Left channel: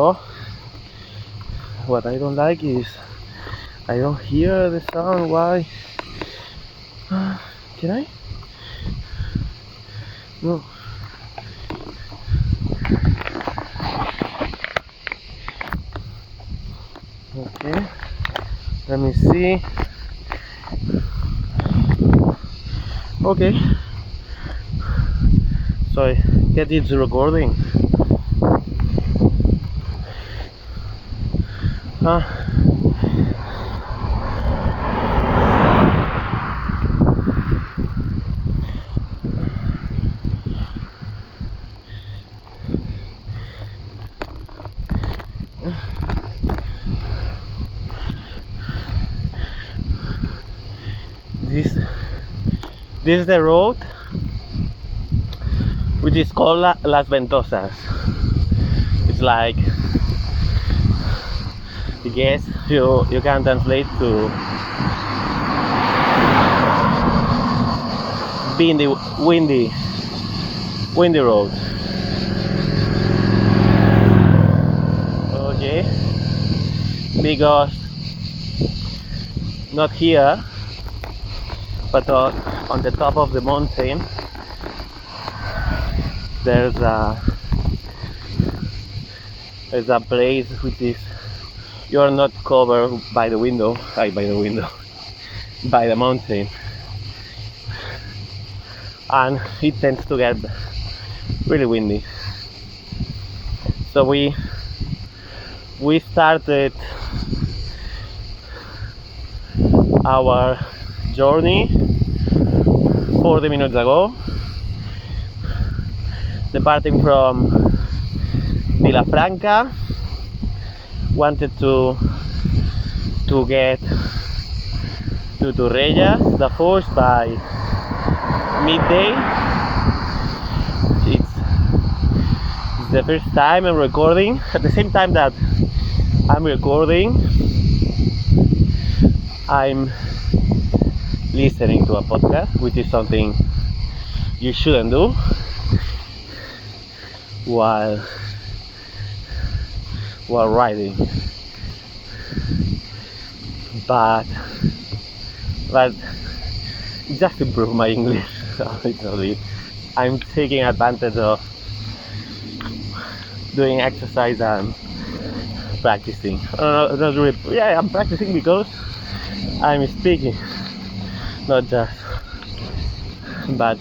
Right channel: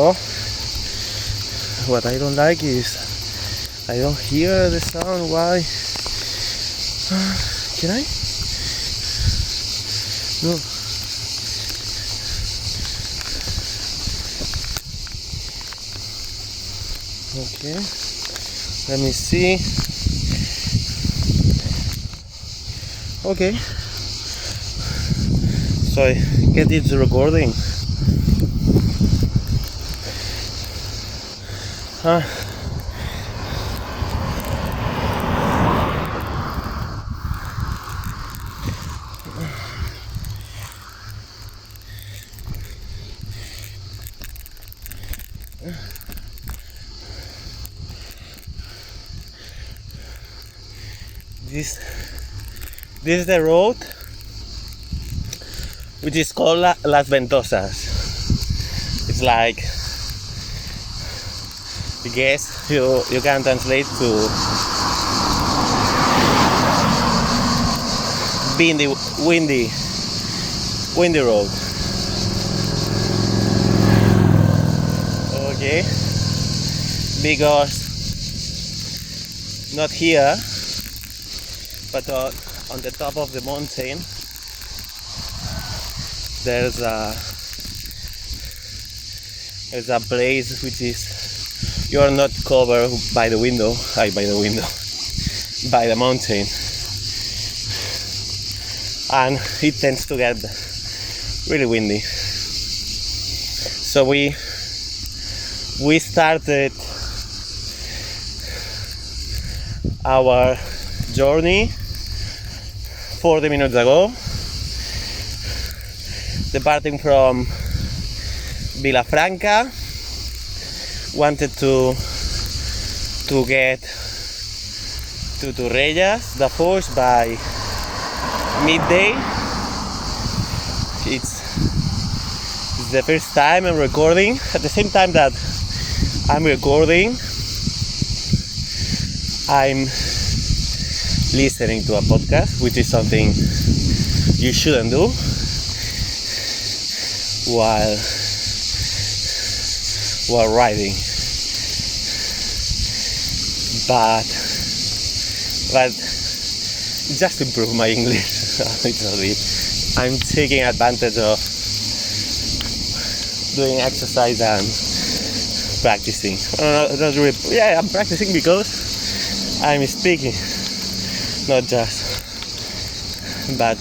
Oh, what I don't like is I don't hear the sound. Why? Can I? No. Okay. Let me see. Okay. So I get it recording. This is the road which is called Las Ventosas. It's like, I guess you can translate to windy road. Okay, because not here, but on the top of the mountain there's a place which is, you are not covered by the mountain, and it tends to get really windy. So we started our journey 40 minutes ago, departing from Vilafranca. Wanted to get to Torrellas, the Foix, by midday. It's the first time I'm recording. At the same time that I'm recording, I'm listening to a podcast, which is something you shouldn't do while riding, but just to improve my English a little bit, I'm taking advantage of doing exercise and practicing. Not really. Yeah, I'm practicing because I'm speaking, not just but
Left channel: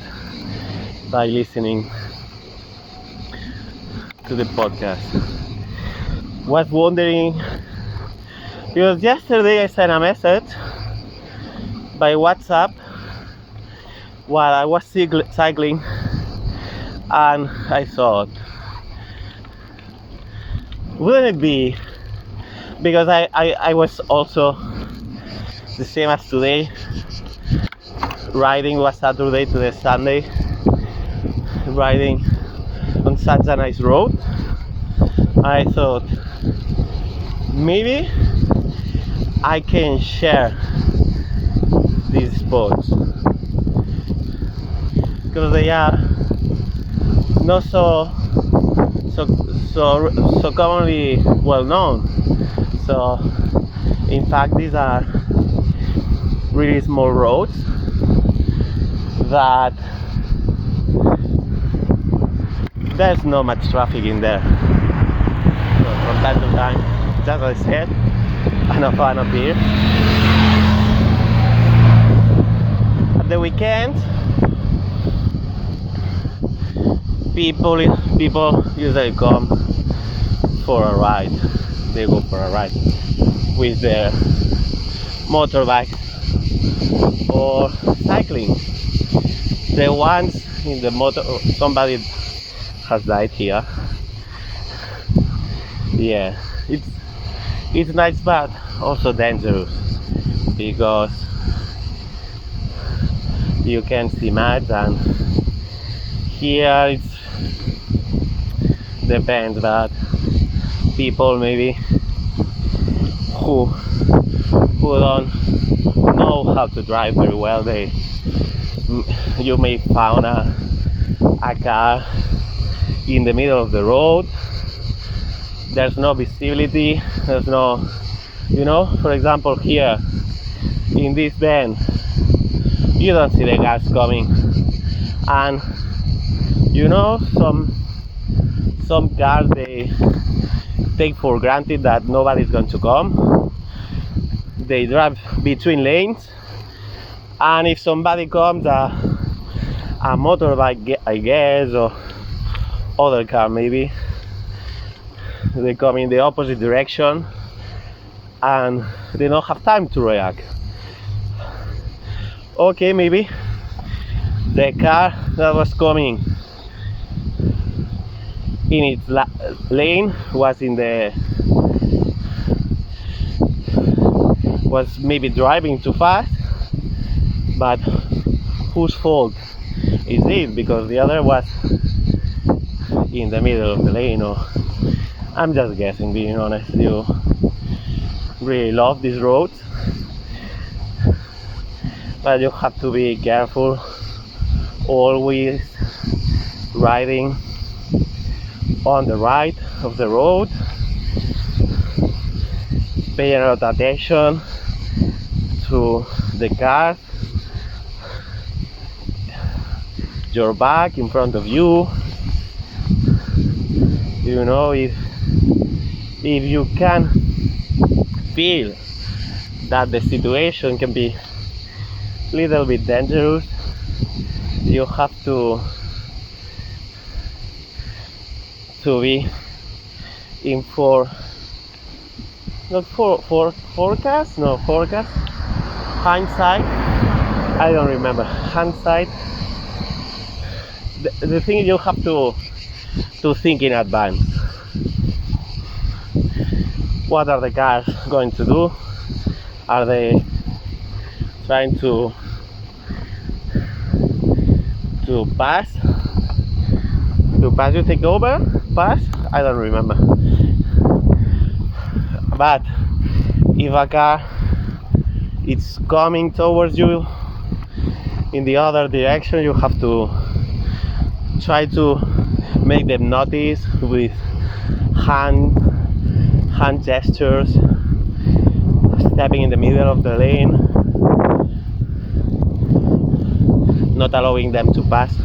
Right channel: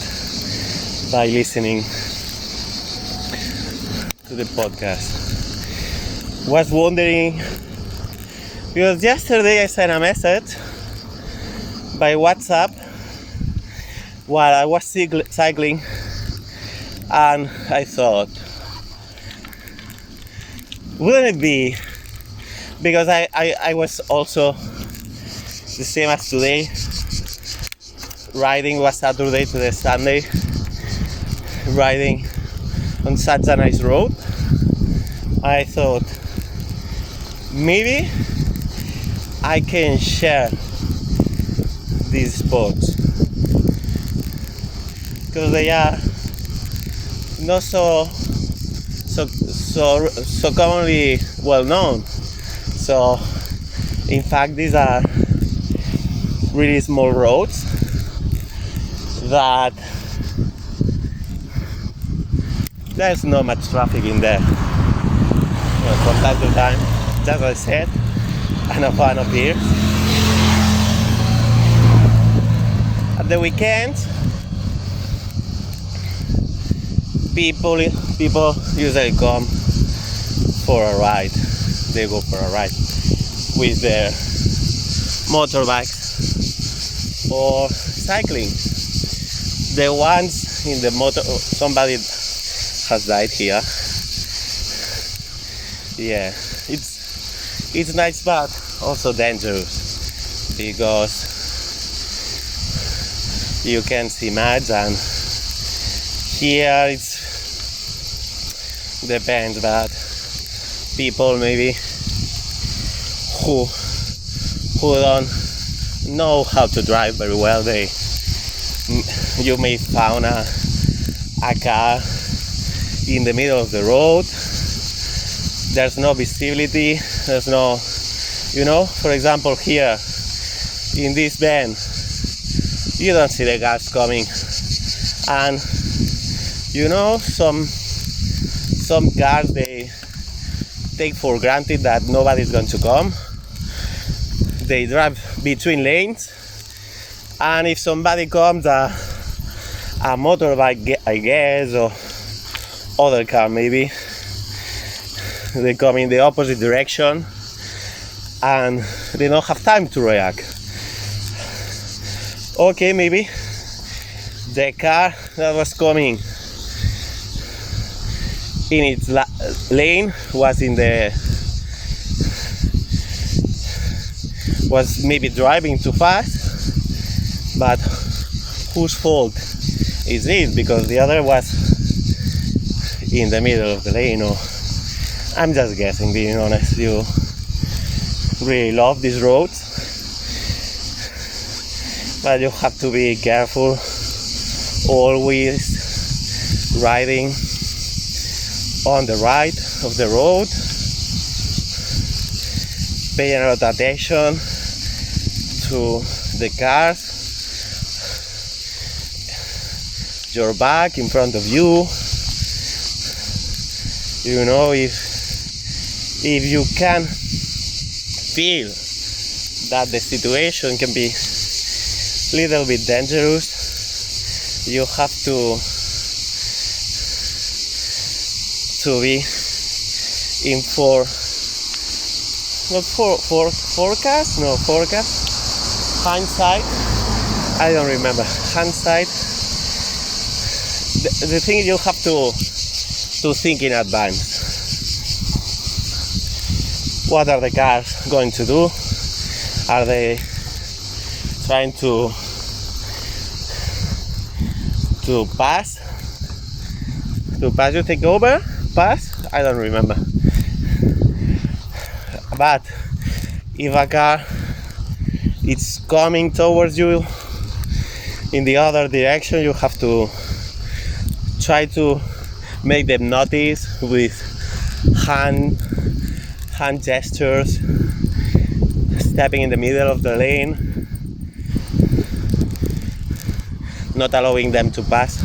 by listening to the podcast. Was wondering, because yesterday I sent a message by WhatsApp while I was cycling, and I thought, wouldn't it be, because I was also the same as today, riding, was Saturday to the Sunday, riding on such a nice road. I thought, maybe I can share these spots because they are not so commonly well known. So in fact, these are really small roads that there's not much traffic in there. From time to time, just as I said, and a fan appears. At the weekends, people usually come for a ride. They go for a ride with their motorbikes or cycling. The ones in the motor, somebody has died here. Yeah, it's nice but also dangerous because you can see mud, and here it's depends, but people maybe who don't know how to drive very well, you may find a car in the middle of the road, there's no visibility, there's no, you know, for example here in this bend you don't see the cars coming, and you know, some cars, they take for granted that nobody's going to come. They drive between lanes, and if somebody comes, a motorbike, I guess, or other car maybe, they come in the opposite direction and they don't have time to react. Okay, maybe the car that was coming in its lane was maybe driving too fast, but whose fault is it? Because the other was in the middle of the lane. Or I'm just guessing, being honest. You really love these roads, but you have to be careful, always riding on the right of the road, paying a lot of attention to the cars, your back, in front of you. You know, if you can feel that the situation can be a little bit dangerous, you have to be in hindsight. I don't remember. Hindsight. The thing is, you have to think in advance. What are the cars going to do? Are they trying to pass? To pass you, take over? Pass? I don't remember. But if a car is coming towards you in the other direction, you have to try to make them notice with hand gestures, stepping in the middle of the lane, not allowing them to pass.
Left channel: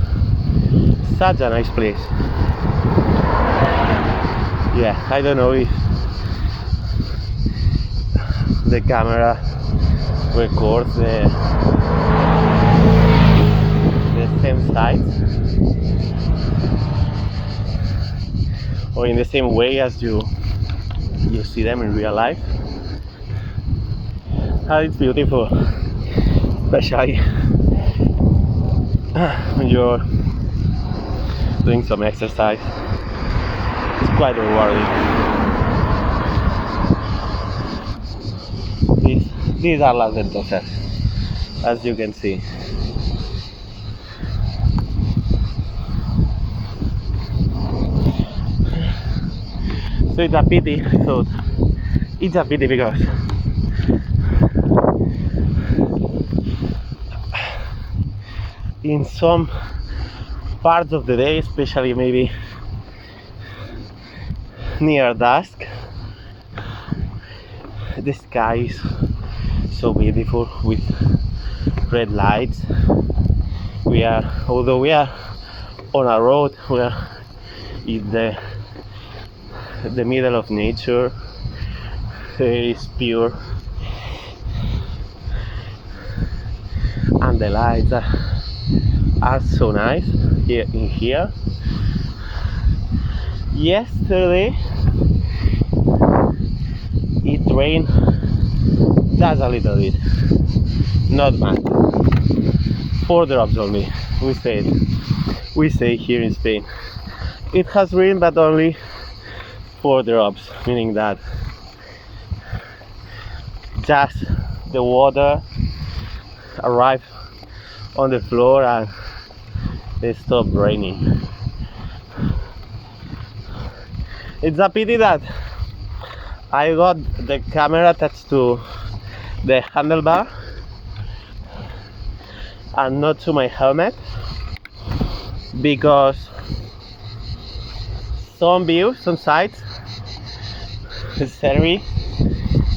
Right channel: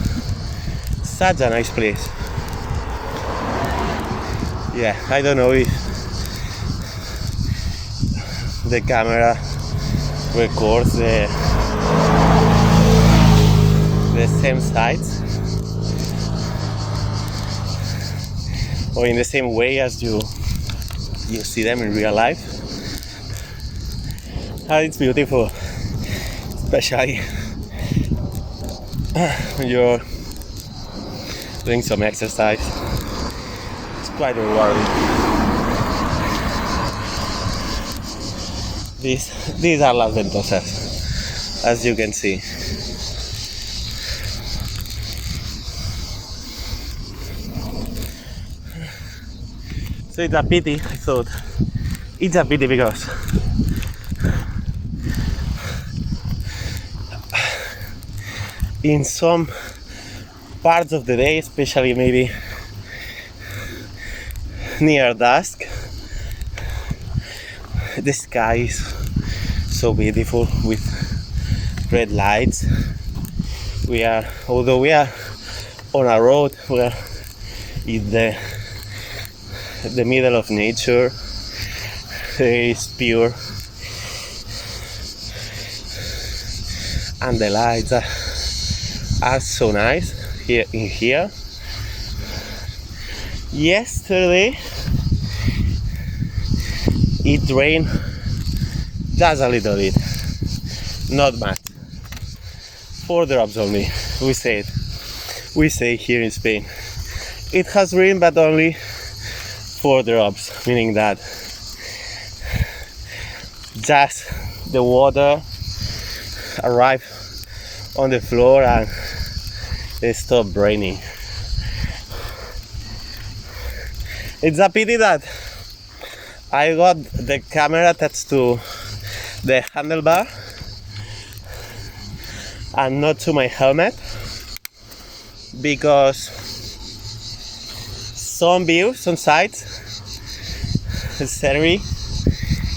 Such a nice place. Yeah, I don't know if the camera records the same sights or in the same way as you see them in real life. Oh, it's beautiful, especially when you're doing some exercise. It's quite rewarding. These are Las Ventosas, as you can see. So it's a pity, I thought. It's a pity because in some parts of the day, especially maybe near dusk, the sky is so beautiful with red lights. Although we are on a road, we are in the middle of nature. It's pure, and the lights are so nice here in here. Yesterday it rained just a little bit, not much, 4 drops only. We say here in Spain it has rained, but only 4 drops, meaning that just the water arrived on the floor and it stopped raining. It's a pity that I got the camera attached to the handlebar and not to my helmet, because some views, some sites, scenery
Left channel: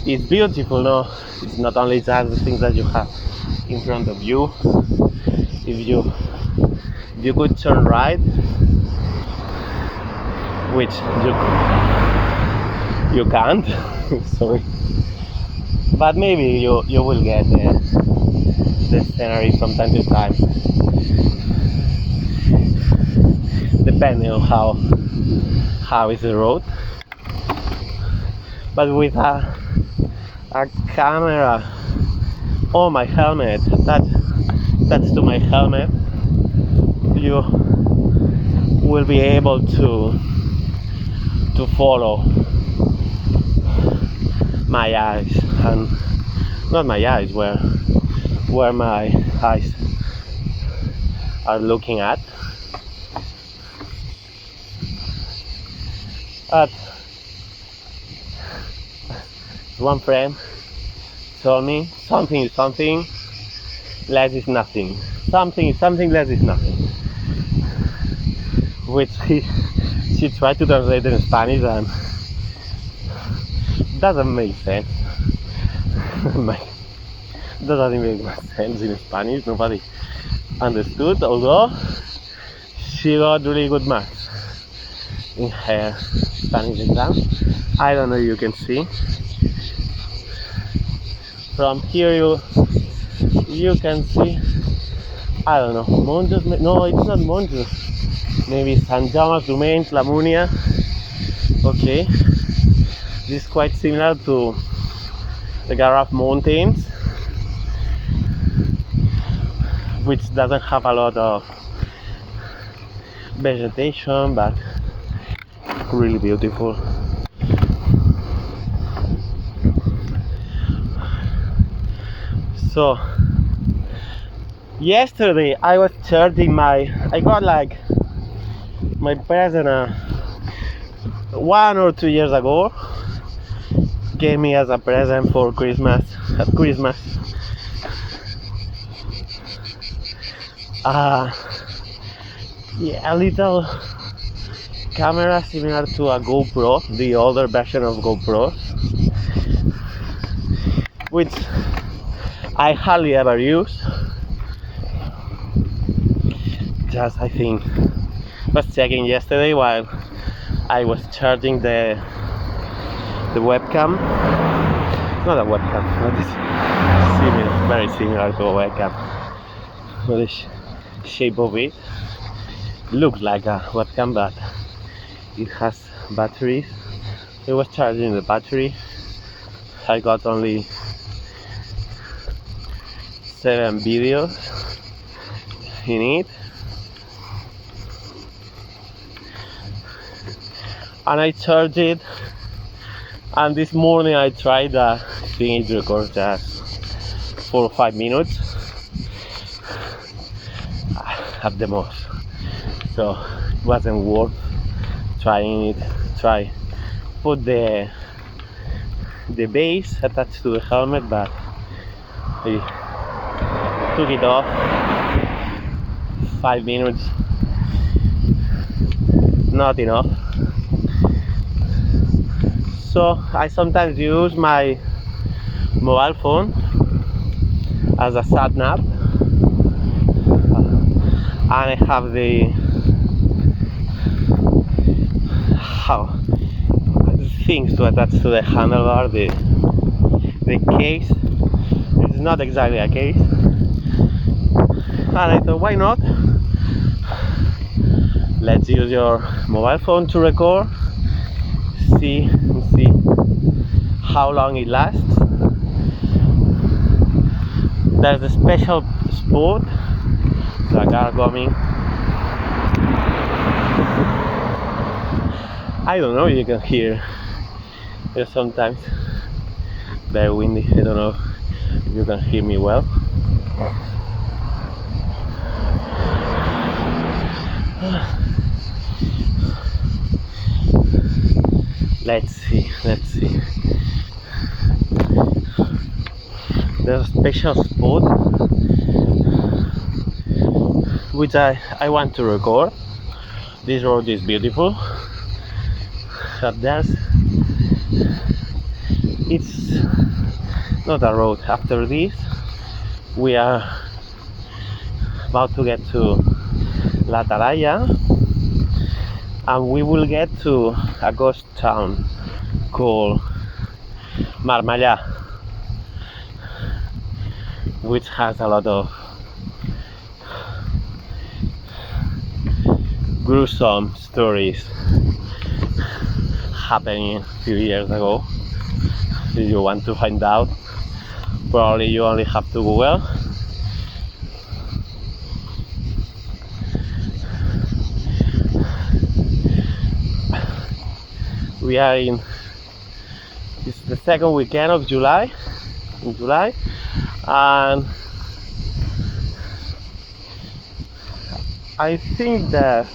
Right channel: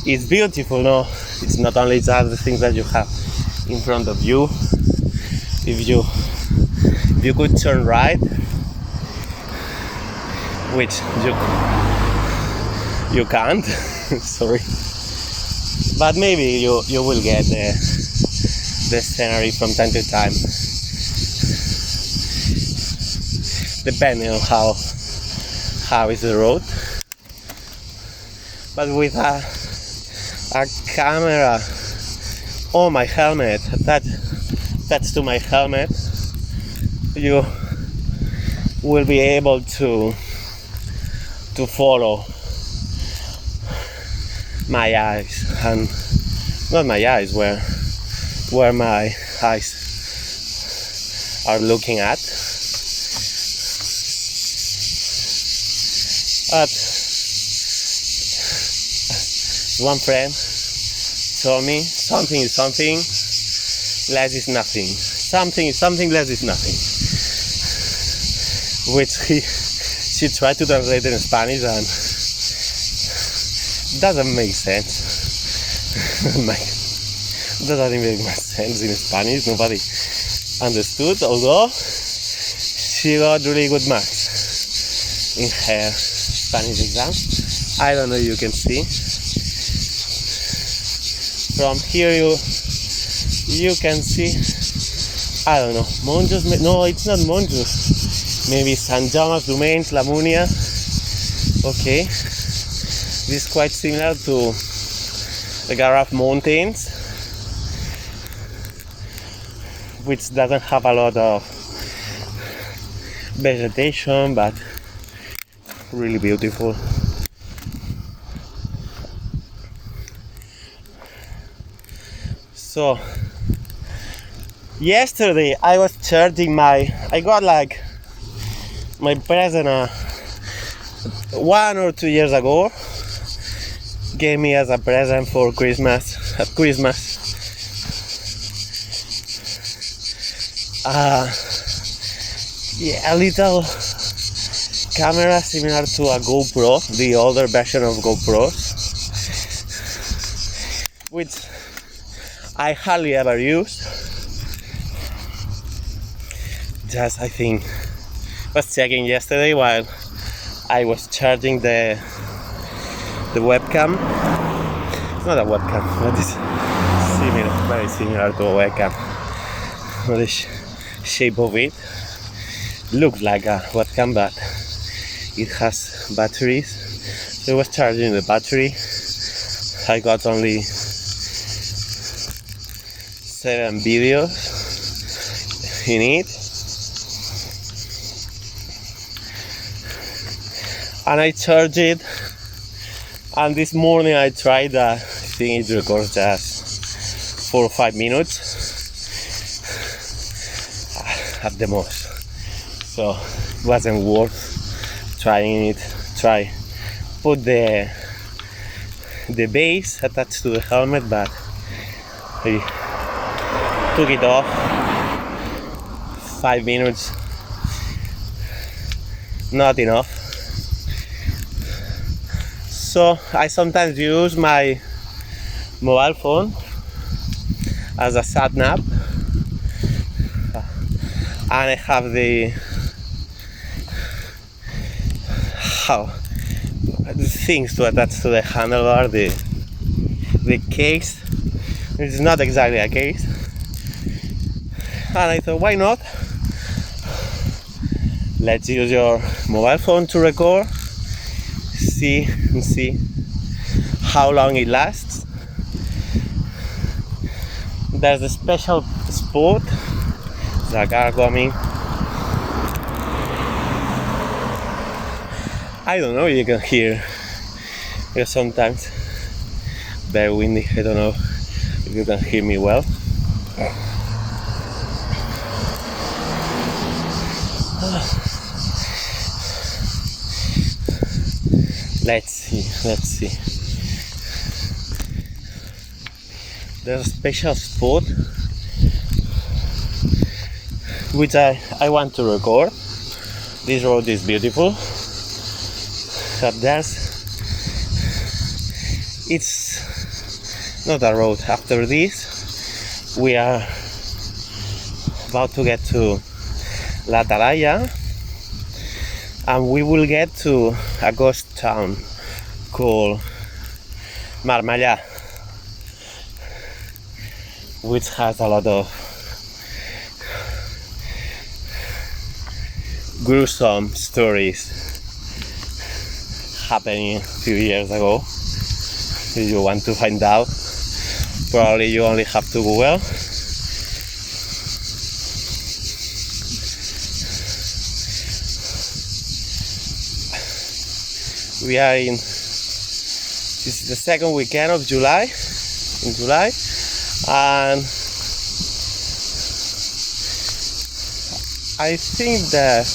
is beautiful, no? It's not only just the things that you have in front of you. If you could turn right, which you can't, sorry, but maybe you will get the scenery from time to time, depending on how is the road. But with a camera on my helmet, that's to my helmet, you will be able to follow my eyes, and not my eyes, where my eyes are looking at. One friend told me something is something, less is nothing. Something is something, less is nothing. Which she tried to translate in Spanish and doesn't make sense. Doesn't make much sense in Spanish. Nobody understood, although she got really good marks in her Spanish exam. I don't know if you can see. From here you can see, I don't know, Monjos, no, it's not Monjos, maybe San Jaume, Domenys, La Munia. Okay, this is quite similar to the Garraf Mountains, which doesn't have a lot of vegetation, but really beautiful. So yesterday I was charging I got like my present 1 or 2 years ago, gave me as a present for Christmas, at Christmas. A little camera similar to a GoPro, the older version of GoPros, which I hardly ever use. Just, I think, was checking yesterday while I was charging the webcam. It's not a webcam, but it's similar, very similar to a webcam. The shape of it looks like a webcam, but it has batteries. So I was charging the battery. I got only 7 videos in it, and I charged it, and this morning I tried, I think it records just 4 or 5 minutes at the most, so it wasn't worth trying it. Put the base attached to the helmet, but I took it off. 5 minutes, not enough. So I sometimes use my mobile phone as a sat nav, and I have the things to attach to the handlebar, the case. It's not exactly a case. And I thought, why not? Let's use your mobile phone to record, see how long it lasts. There's a special spot, there's a car coming. I don't know if you can hear, because sometimes very windy. I don't know if you can hear me well. Let's see. There's a special spot which I want to record. This road is beautiful, but there's it's not a road. After this we are about to get to La Talaia, and we will get to a ghost town called Marmellà, which has a lot of gruesome stories happening a few years ago. If you want to find out, probably you only have to Google. We are in, it's the second weekend of July, and I think that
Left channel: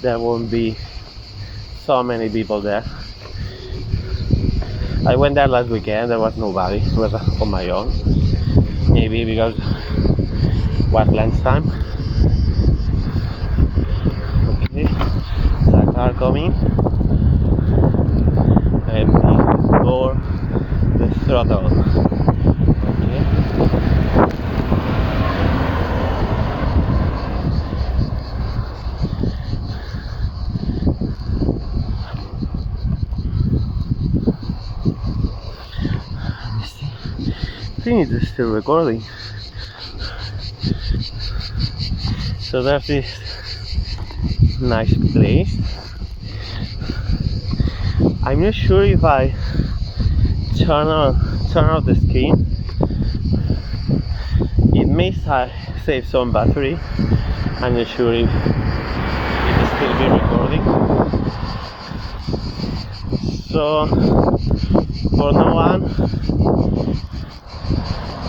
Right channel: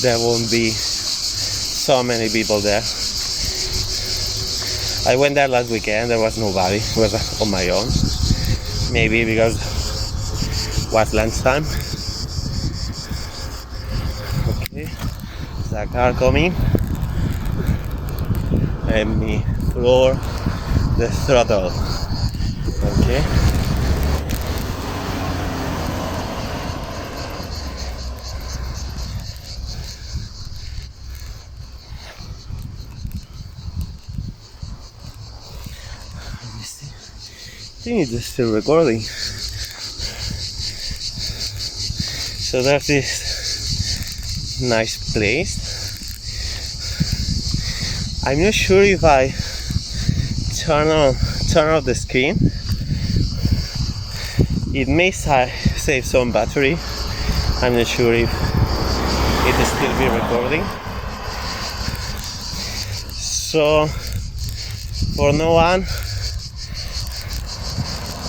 there won't be so many people there. I went there last weekend, there was nobody, it was on my own. Maybe because it was lunchtime. Okay, there's a car coming. And we lower the throttle. Okay. I think it's still recording. So there's this nice place. I'm not sure if I turn off the screen. It may save some battery. I'm not sure if it will still be recording. So for now on,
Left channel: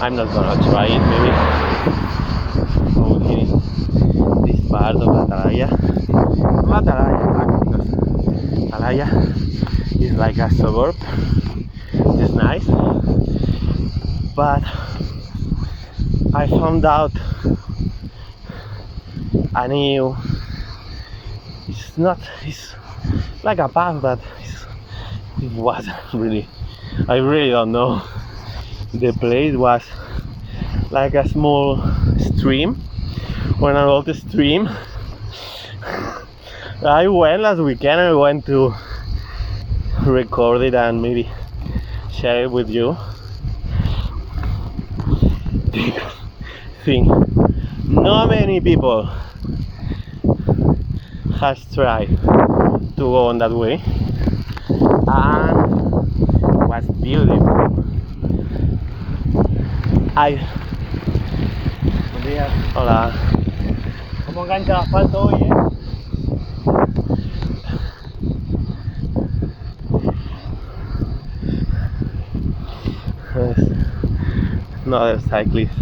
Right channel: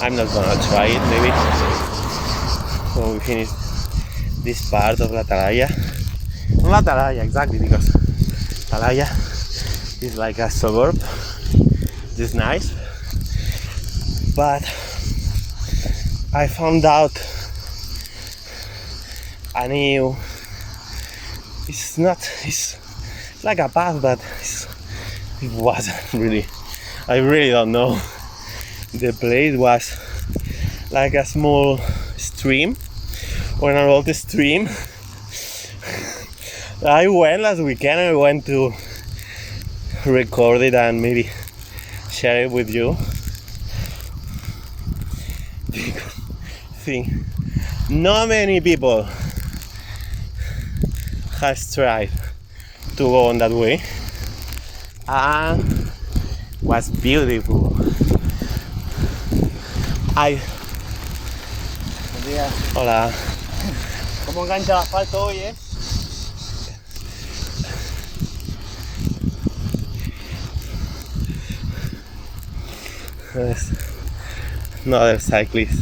I'm not gonna try it. Maybe when we finish this part of La Talaia. Not La Talaia exactly, because Talaia is like a suburb. It's nice, but I found out a new, it's like a path, but it wasn't really, I really don't know. The place was like a small stream, or an old stream. I went last weekend, I went to record it and maybe share it with you. I think not many people has tried to go on that way, and was beautiful. Hola. ¿Cómo engancha el asfalto hoy, There's another cyclist.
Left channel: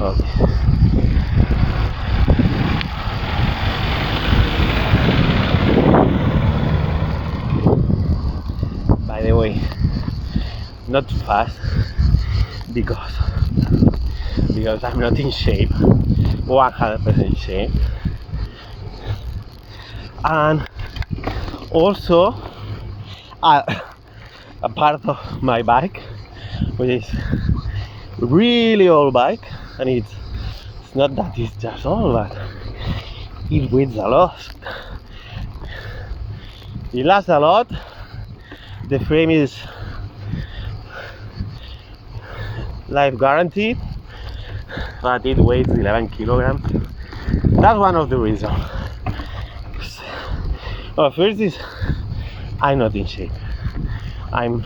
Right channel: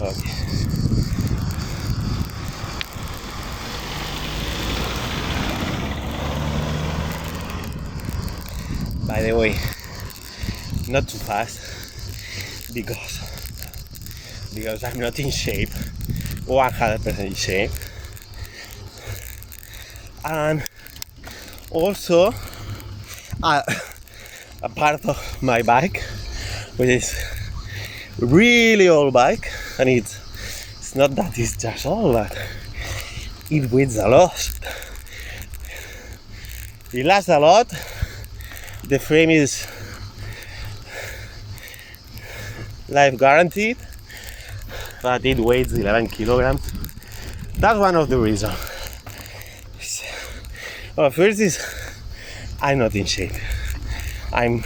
Okay. By the way, not too fast because I'm not in shape, 100% shape, and also a part of my bike, which is really old bike, and it's not that it's just old, but it weighs a lot. It lasts a lot. The frame is life guaranteed, but it weighs 11 kilograms. That's one of the reasons. Well, first is I'm not in shape. I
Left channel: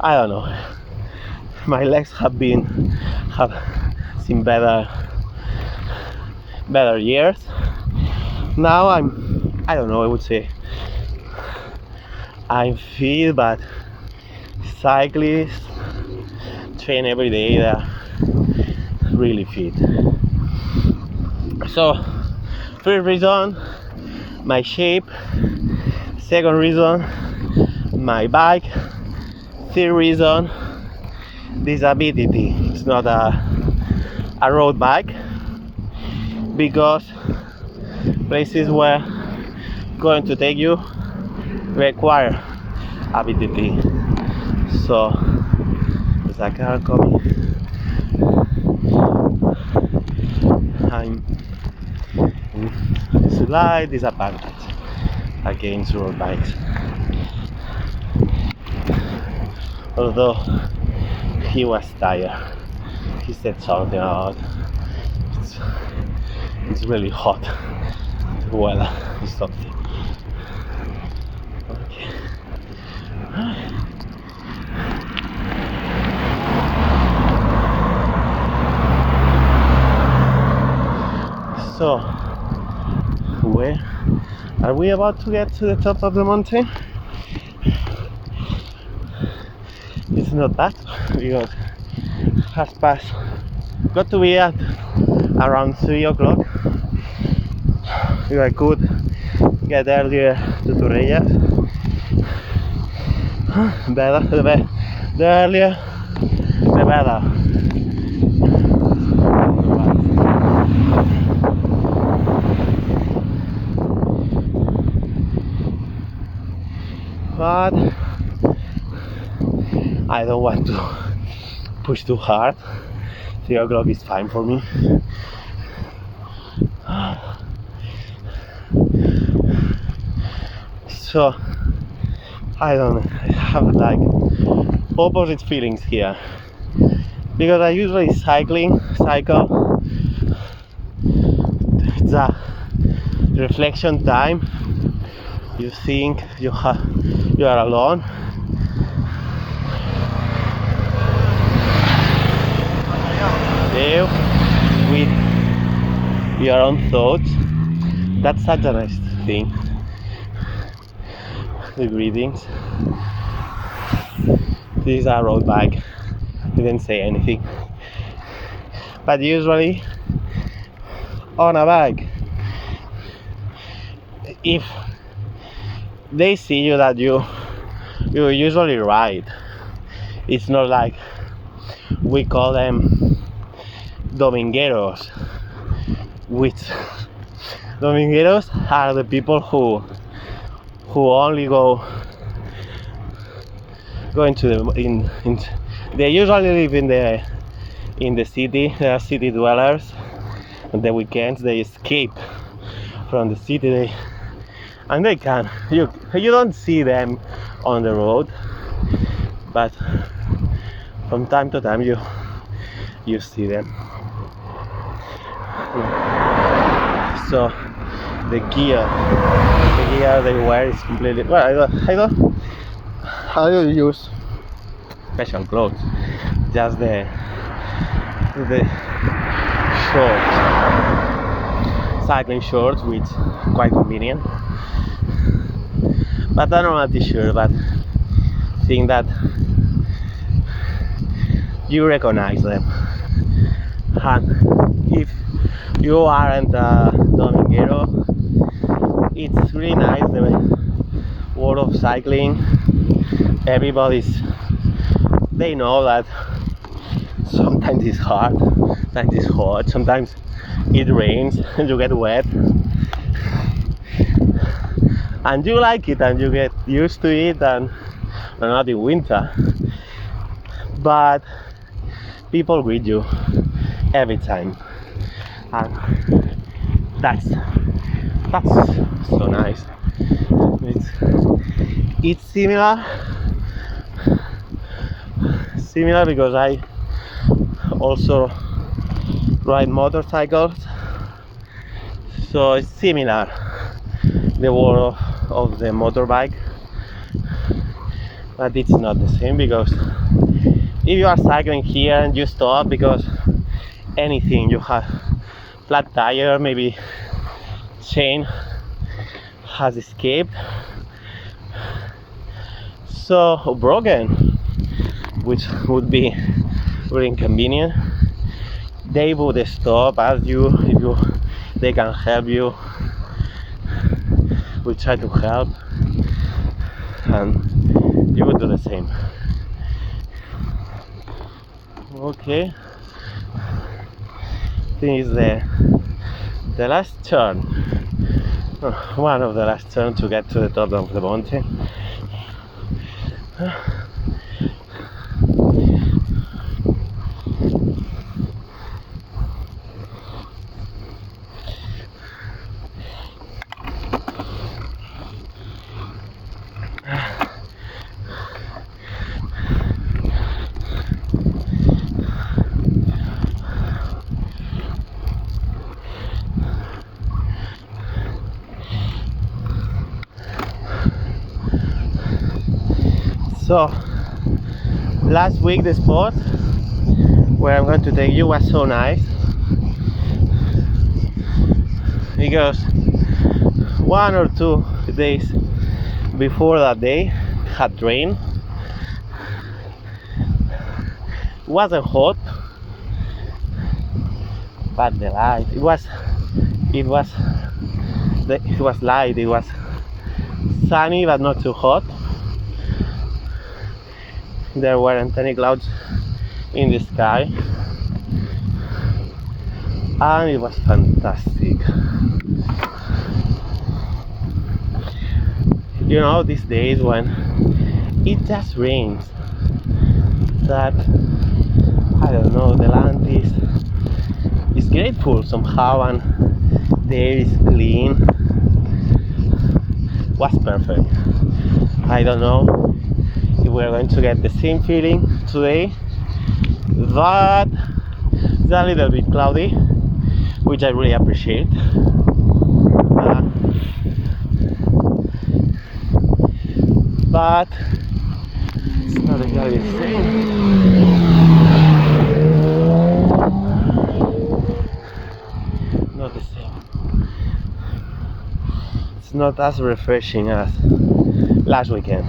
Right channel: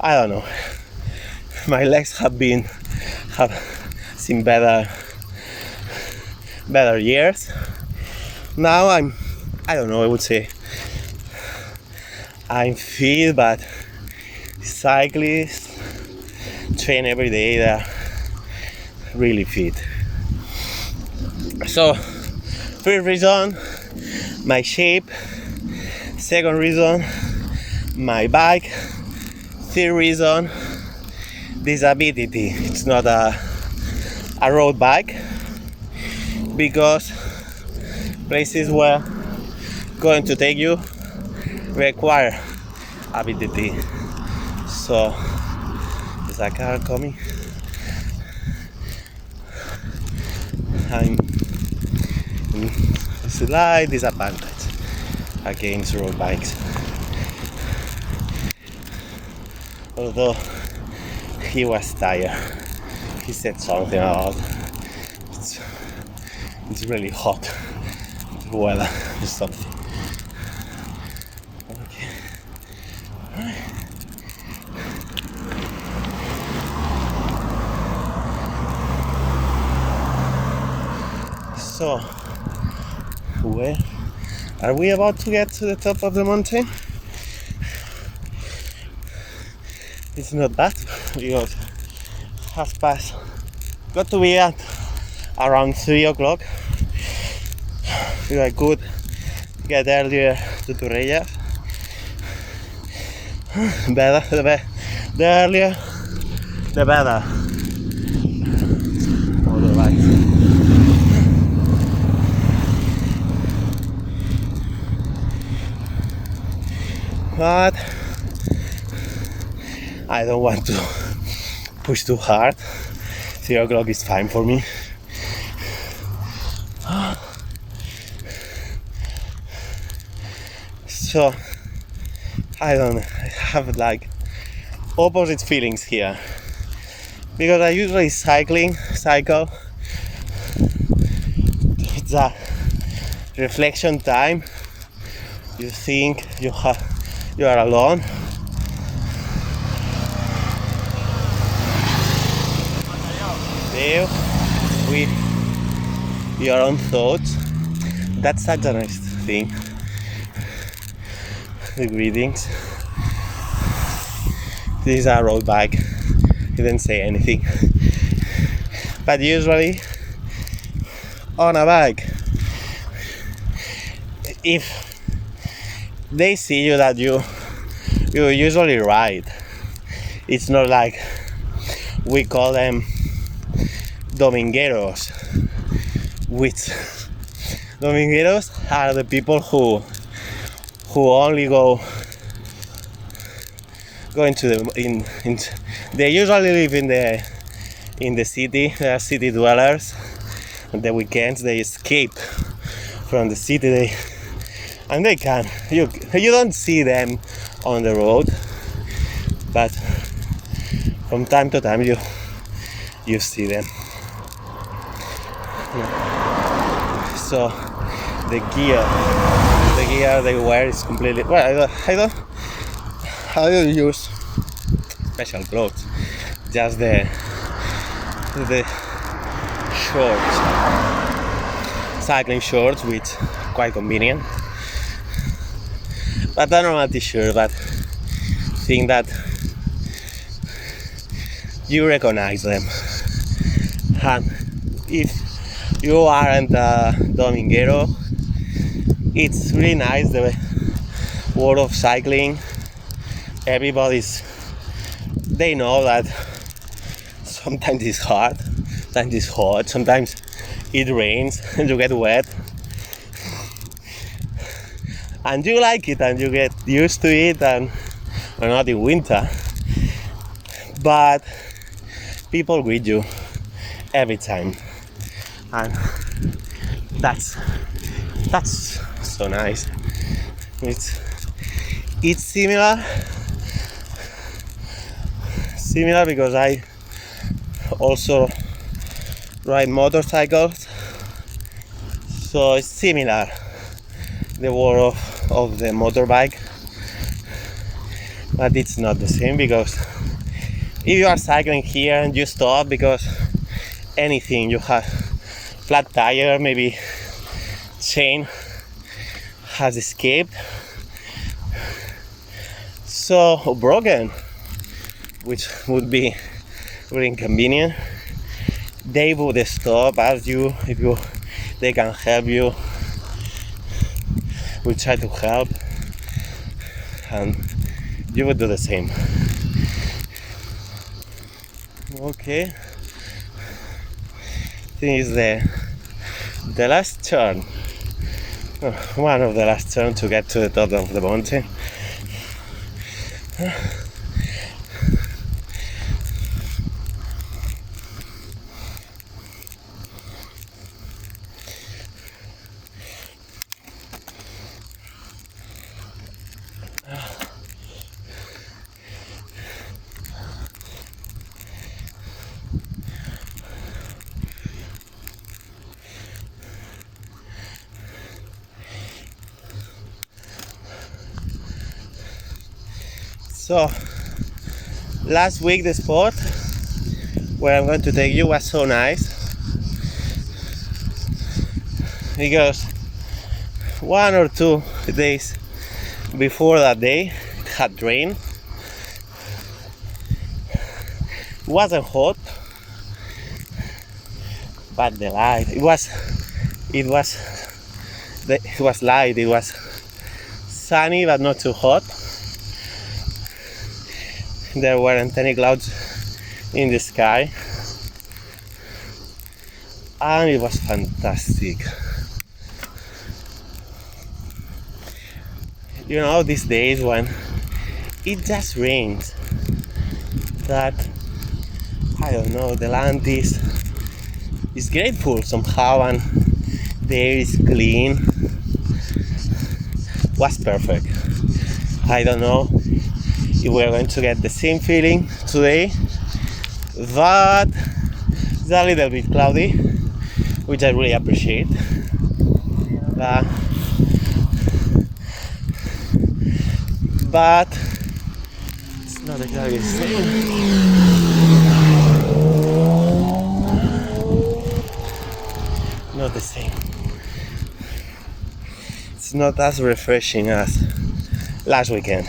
don't know. My legs have seen better years. Now I don't know, I would say I'm fit, but cyclist, train every day, they're really fit. So first reason, my shape. Second reason, my bike. Third reason, this is a BTT. It's not a road bike, because places where going to take you require a BTT. So there's a car coming. I'm in slight disadvantage against road bikes. Although he was tired, he said something about it's really hot, the weather or something. Okay. So, where are we about to get to the top of the mountain? It's not bad, because has passed, got to be at around 3 o'clock. If I could get earlier to Torrellas, the earlier the better. But I don't want to push too hard. 3 o'clock is fine for me. So I have like opposite feelings here, because I usually cycle. It's a reflection time. You think you are alone. There with your own thoughts. That's such a nice thing. The greetings. This is a road bike. He didn't say anything. But usually on a bike, if they see you that you usually ride, it's not like we call them domingueros, which domingueros are the people who only go into the they usually live in the city. They are city dwellers. On the weekends they escape from the city. And they can. You don't see them on the road, but from time to time you see them. So the gear they wear is completely well. I don't use special clothes. Just the shorts, cycling shorts, which quite convenient. But a normal t-shirt, but think that you recognize them. And if you aren't a dominguero, it's really nice, the world of cycling. They know that sometimes it's hard, sometimes it's hot, sometimes it rains and you get wet. And you like it and you get used to it, and we're not in winter. But people greet you every time. And that's so nice. It's similar because I also ride motorcycles, so it's similar, the world of the motorbike, but it's not the same, because if you are cycling here and you stop because anything, you have flat tire, maybe chain has escaped, so broken, which would be really inconvenient. They would stop, ask you if they can help you. We try to help, and you would do the same. Okay, this is the last turn, one of the last turns to get to the top of the mountain. So, last week the spot where I'm going to take you was so nice because 1 or 2 days before that day it had rain. It wasn't hot, but the light, it was light, it was sunny but not too hot. There weren't any clouds in the sky, and it was fantastic. You know, these days when it just rains, that I don't know, the land is grateful somehow, and the air is clean. Was perfect. I don't know if we're going to get the same feeling today, but it's a little bit cloudy, which I really appreciate. But it's not exactly the same. Not the same. It's not as refreshing as last weekend.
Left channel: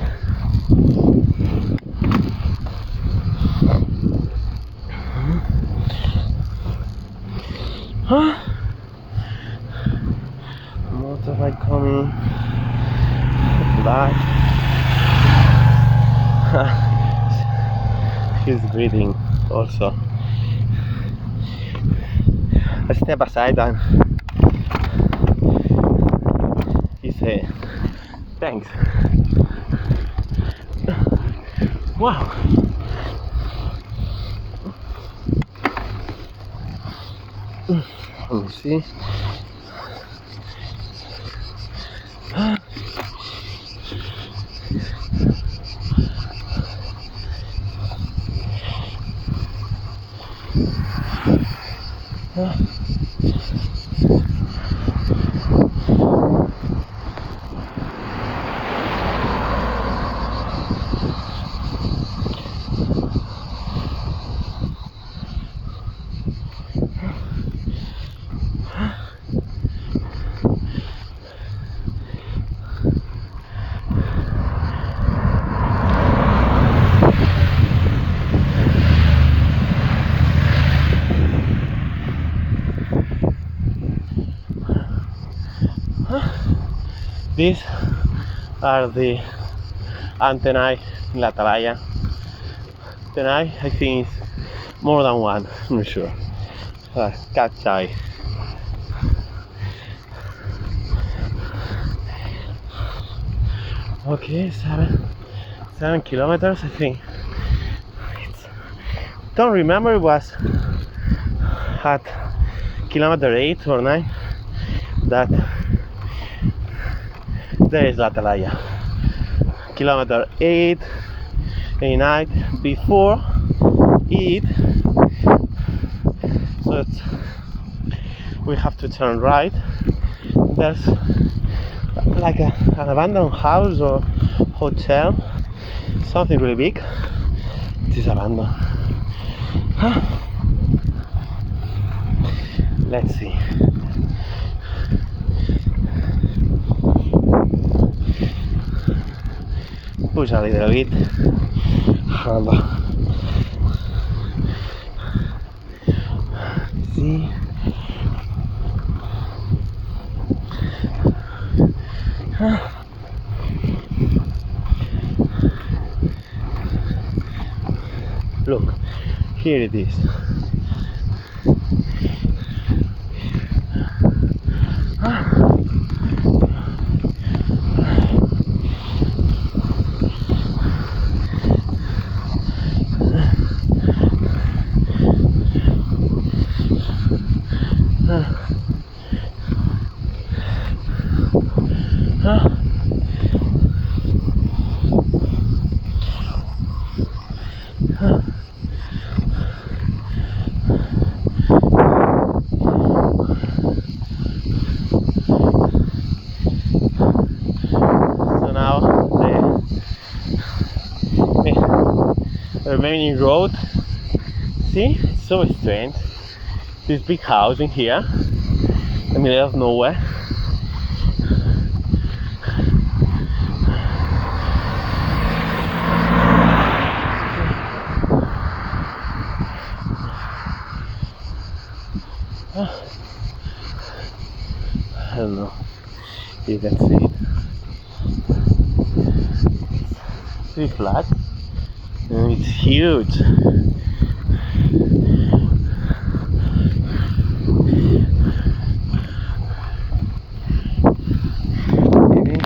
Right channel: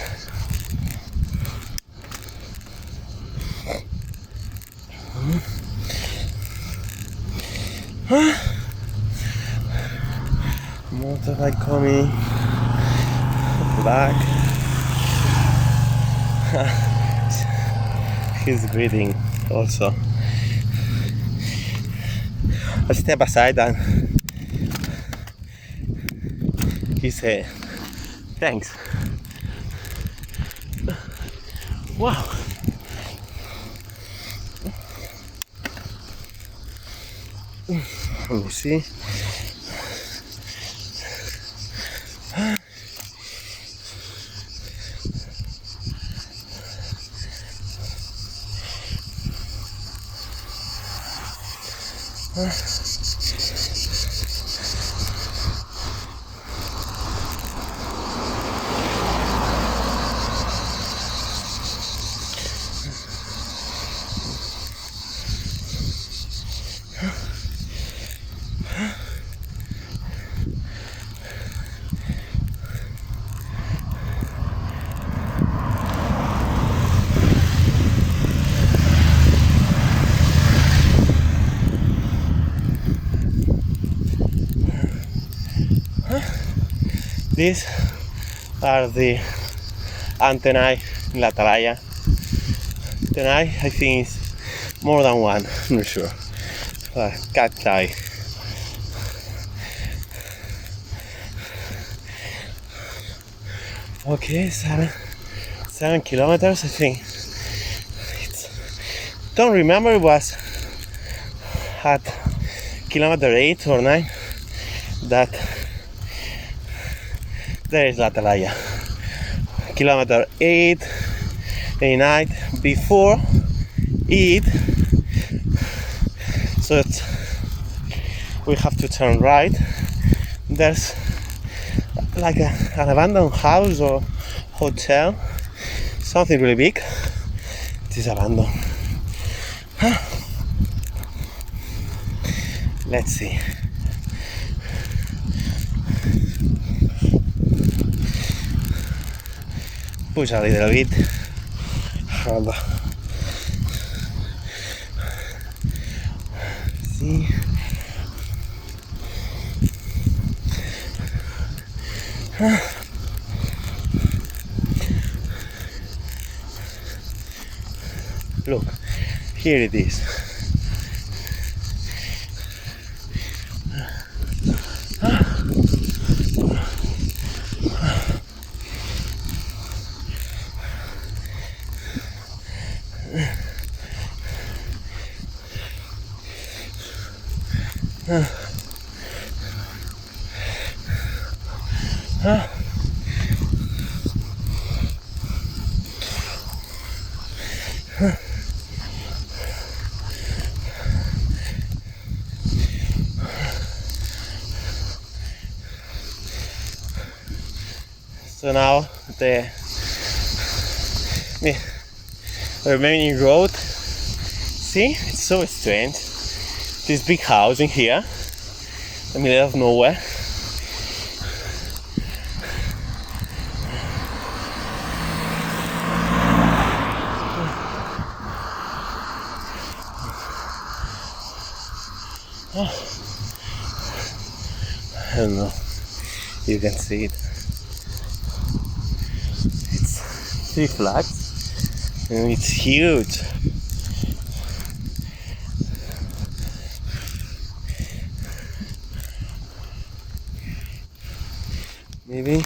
Motorbike coming back. He's breathing also. I step aside and he said, thanks. Wow. Let me see. These are the antennae in la Talaia. Antennae, I think it's more than one, I'm not sure. Cat eye. Okay, 7 kilometers, I think. Don't remember, it was at kilometer 8 or 9 that there is la Talaia. Kilometer 8, 9, before it, so we have to turn right. There's like an abandoned house or hotel, something really big. It is abandoned. Let's see. Push a little bit. easy. Look, here it is. So now the remaining road, see, it's so strange. This big house in here, in the middle of nowhere. I don't know, you can see it. It's 3 flats and it's huge. Maybe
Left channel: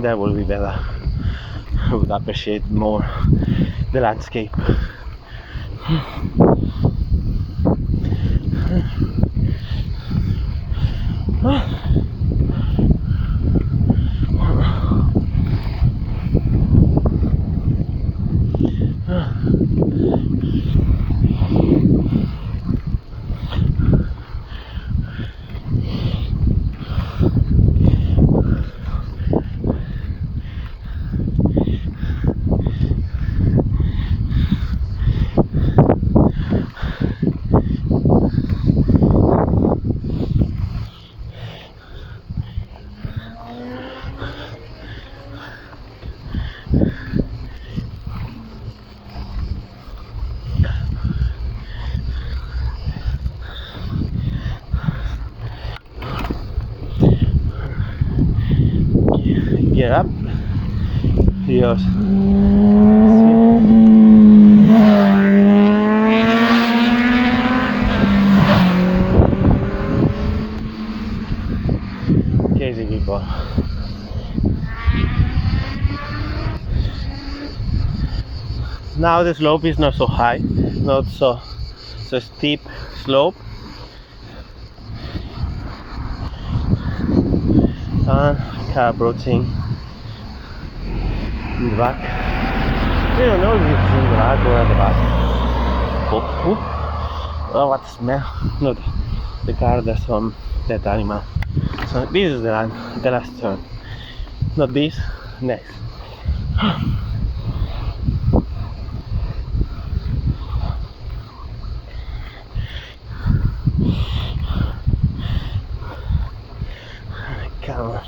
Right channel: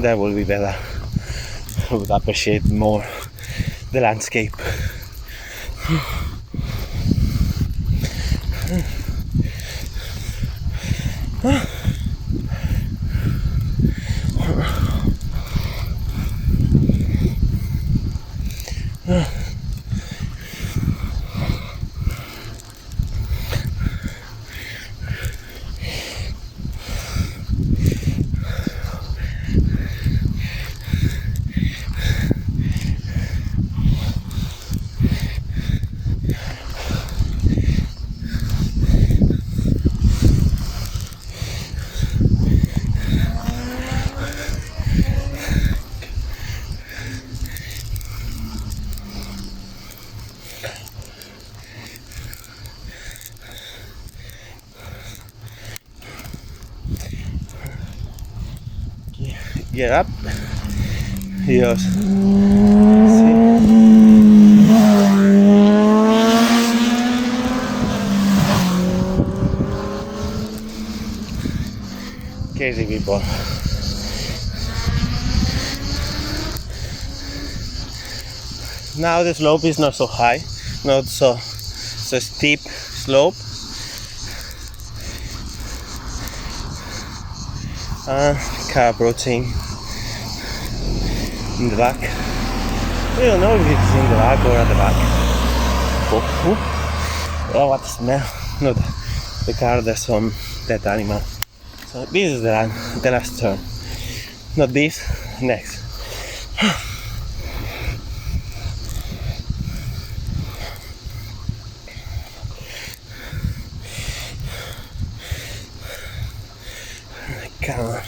that will be better. I would appreciate more the landscape. Get up. Yes. Crazy people. Now the slope is not so high, not so steep slope. Car approaching in the back. I don't know if it's in the back or at the back. Oh, what smell! No, the car. There's some dead animal. So this is the last turn. Not this. Next. Camera.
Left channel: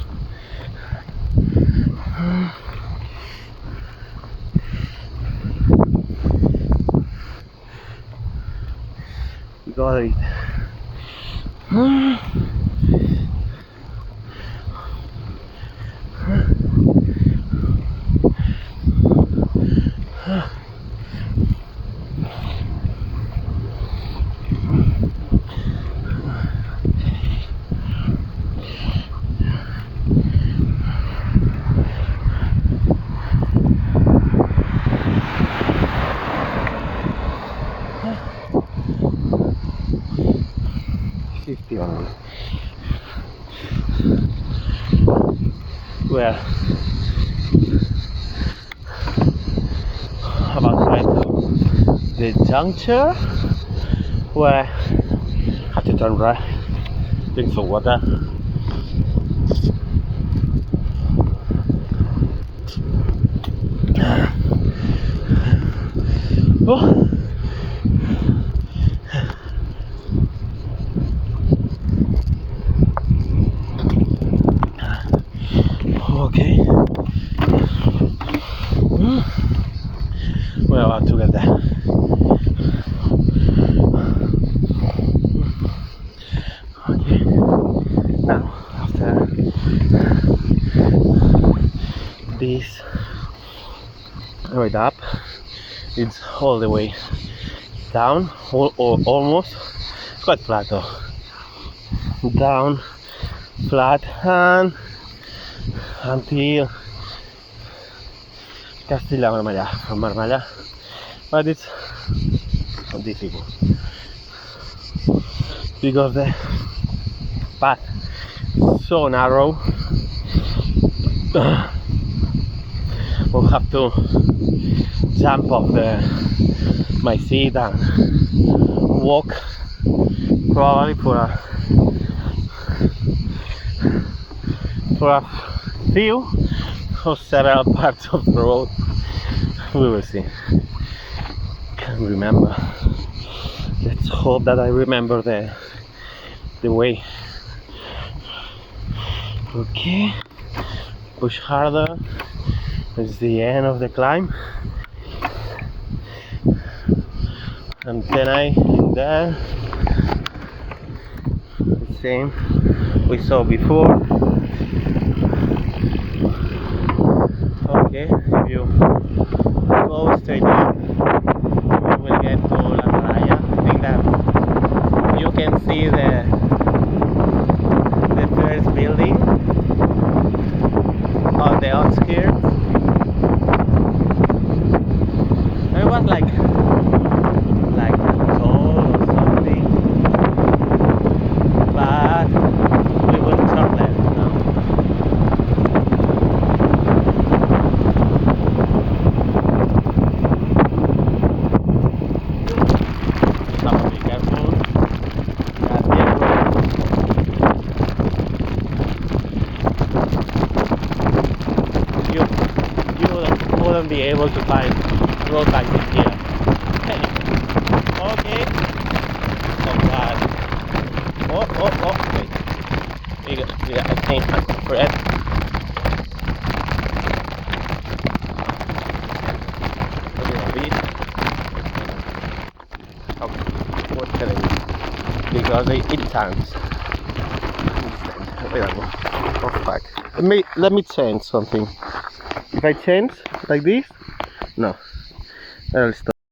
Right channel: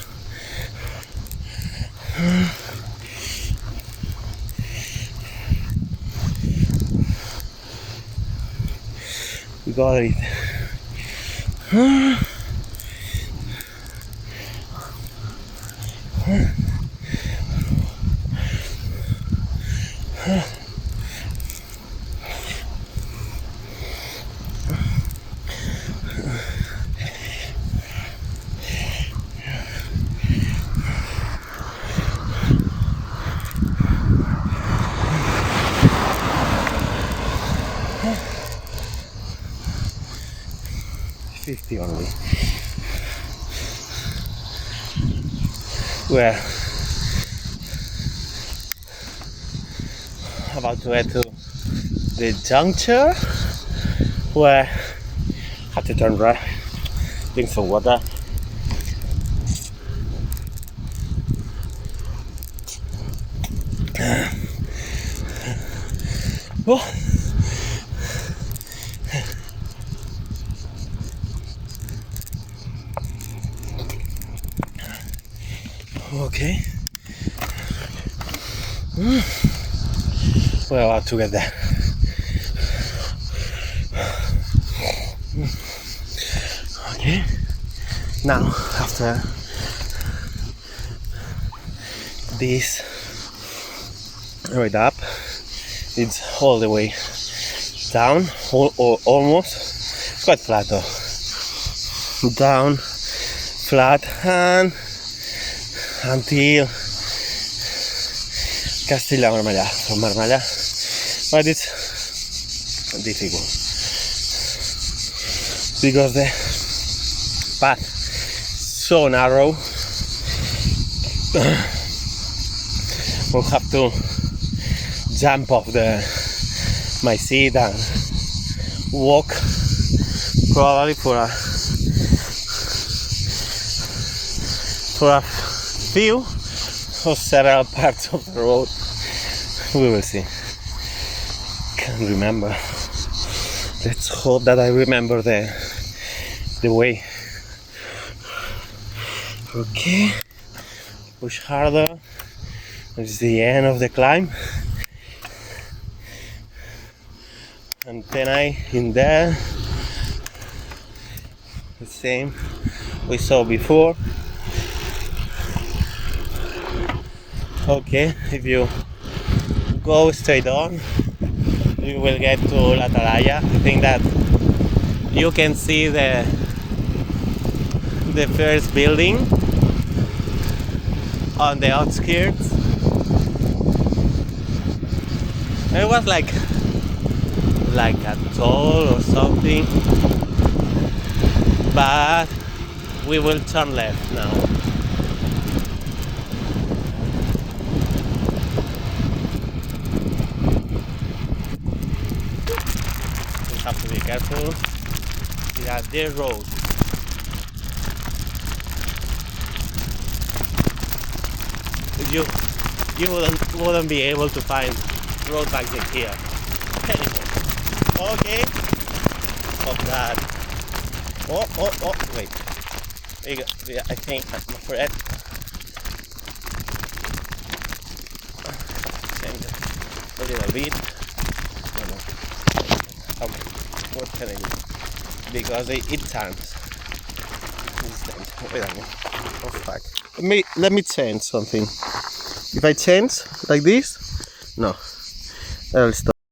You got it. Only. We're about to head to the juncture where I have to turn right, drink some water. Oh. Okay. We're about to get there. Now, after this ride up, it's all the way down, or almost, quite flat though, down, flat, and until Marmellà, from Marmella, but it's difficult because the path is so narrow. We'll have to jump off my seat and walk probably for a few or several parts of the road. We will see. Can't remember. Let's hope that I remember the way. Okay, push harder. It's the end of the climb, and then in there, the same we saw before. Okay, if you go straight on, you will get to Talaia. I think that you can see the first building on the outskirts. It was like a toll or something, but we will turn left now. Have to be careful. Yeah, there road. You wouldn't be able to find road taxi here. Okay. From that. Oh, wait. Yeah, I think I'm correct. Maybe I lead. Okay. What can I do? Because it turns. Wait a minute. Oh fuck. Let me change something. If I change like this, no, I'll stop.